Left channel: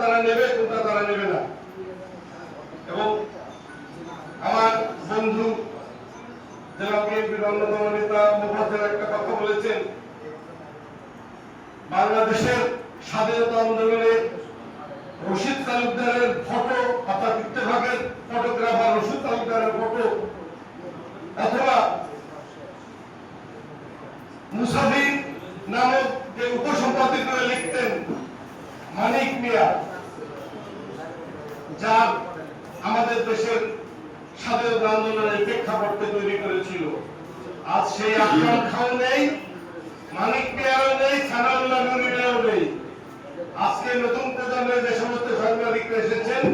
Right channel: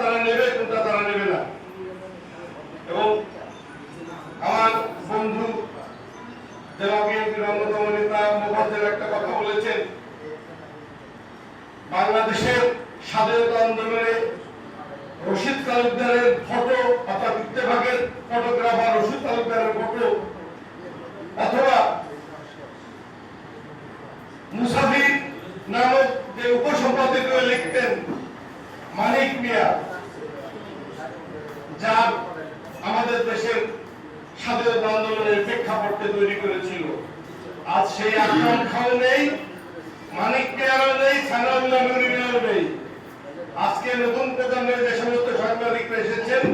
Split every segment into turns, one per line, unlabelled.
তারা নেবে কোনটা তারা নেবে না। এবং আমার বন্ধু জেলা বিএনপির অন্যতম নেতা মুফাজ্জল একটা কথা বলেছেন, বাংলাদেশের স্বাধীনতা আন্দোলনে রশিদ তালুকদারের ফটো, অর্থাৎ ইত্তেফাকের ফটোগ্রাফার রশিদ তালুকদারের ফটো, অথবা মুসাফির নামক যে উপসম্পাদকীয় লিখতেন মানিক মিয়া যার আমাদের দেশের স্বাধীনতা আন্দোলনের প্রেক্ষাপটে তৈরি করেছিল। আজ সেই আকরাম খাও নেই, মানিক মিয়ারও নেই, সানাউল্লাহ নুরিনেও নেই। আজকে নতুন প্রজন্মের যে সমস্ত সাংবাদিকরা এসেছেন,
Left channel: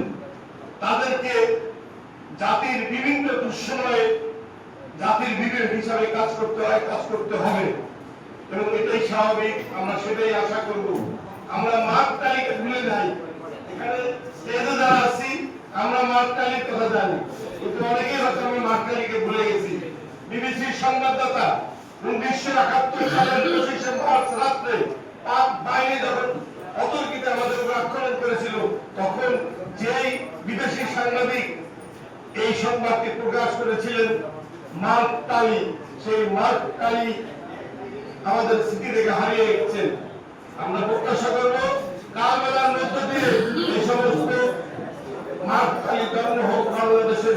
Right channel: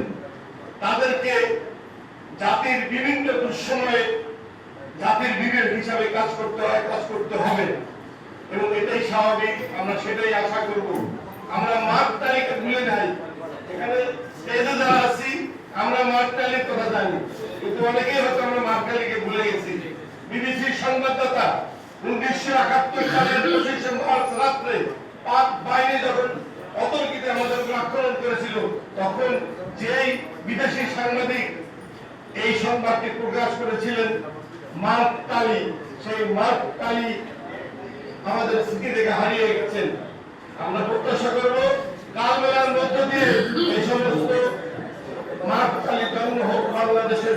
তাদেরকে জাতির বিভিন্ন দুঃসময়ে জাতির বিবেক হিসাবে কাজ করতে হয়, কাজ করতে হবে। এবং এটাই স্বাভাবিক, আমরা সেটাই আশা করব। আমরা মার্ক তালিকা ভুলে যাই এখানে স্টেজে যারা আছি আমরা মার্ক কথা জানি। কিন্তু অনেকেই হয়তো আমরা মার্ক ভুলে গেছি। বিবিসির সংবাদদাতা উনিশশো একাত্তর সালের পঁচিশে মার্চ রাত্রে পাক বাহিনী যখন অতর্কিতে আমাদের উপর আক্রমণ করেছিল, তখন যেই বিদেশি সাংবাদিক এই সংবাদটি প্রকাশ করেছিলেন, মার্ক টালি সেই মার্ক টালি আমাদের স্মৃতি থেকে হারিয়ে গেছেন। আমরা প্রত্যাশা করব কালবেলার মধ্য দিয়ে এই সমস্ত মার্ক টালি জন্ম হোক বাংলাদেশের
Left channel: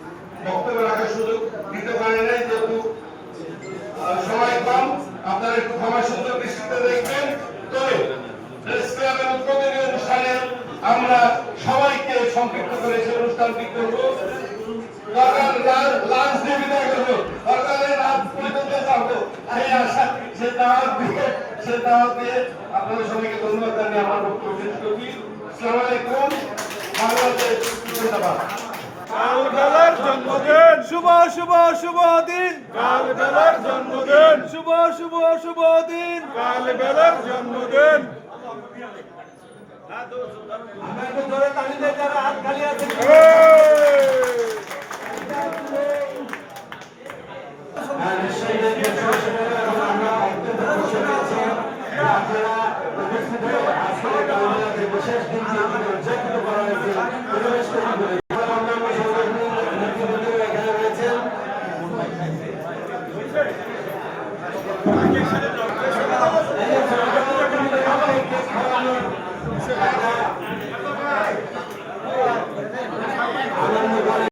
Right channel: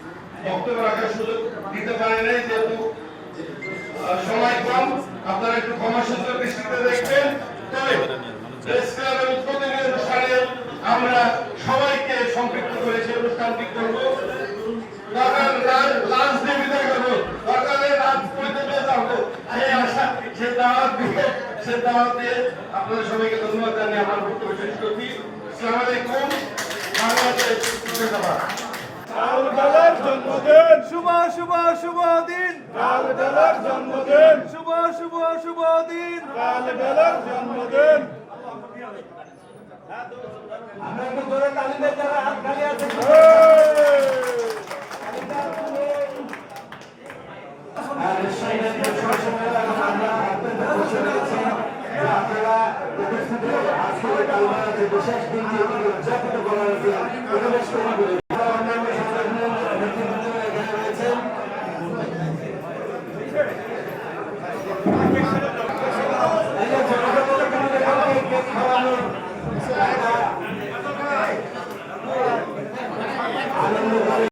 বক্তব্য রাখার সুযোগ দিতে যেহেতু সময় কম। আপনারা একটু ক্ষমা সুন্দর দৃষ্টিতে দেখবেন। তবে আমরা সবাইকে অনুষ্ঠানটি করব। আপনাদের সবাইকে ধন্যবাদ জানিয়ে আমার বক্তব্য শেষ করছি। আলাইকুম। বাংলাদেশ
জন্মদিন
শুভ শুভ শুভ দিন
কালবেলার জন্মদিন
শুভ শুভ শুভ দিন
জন্মদিন
হাত খালি আছে
বিশেষ দিনটি উদযাপিত করা হয়েছে পরিবেশ তৈরি করে অন্যান্য সংগঠনের নেতৃবৃন্দরা এখানে রয়েছেন খাওয়ানো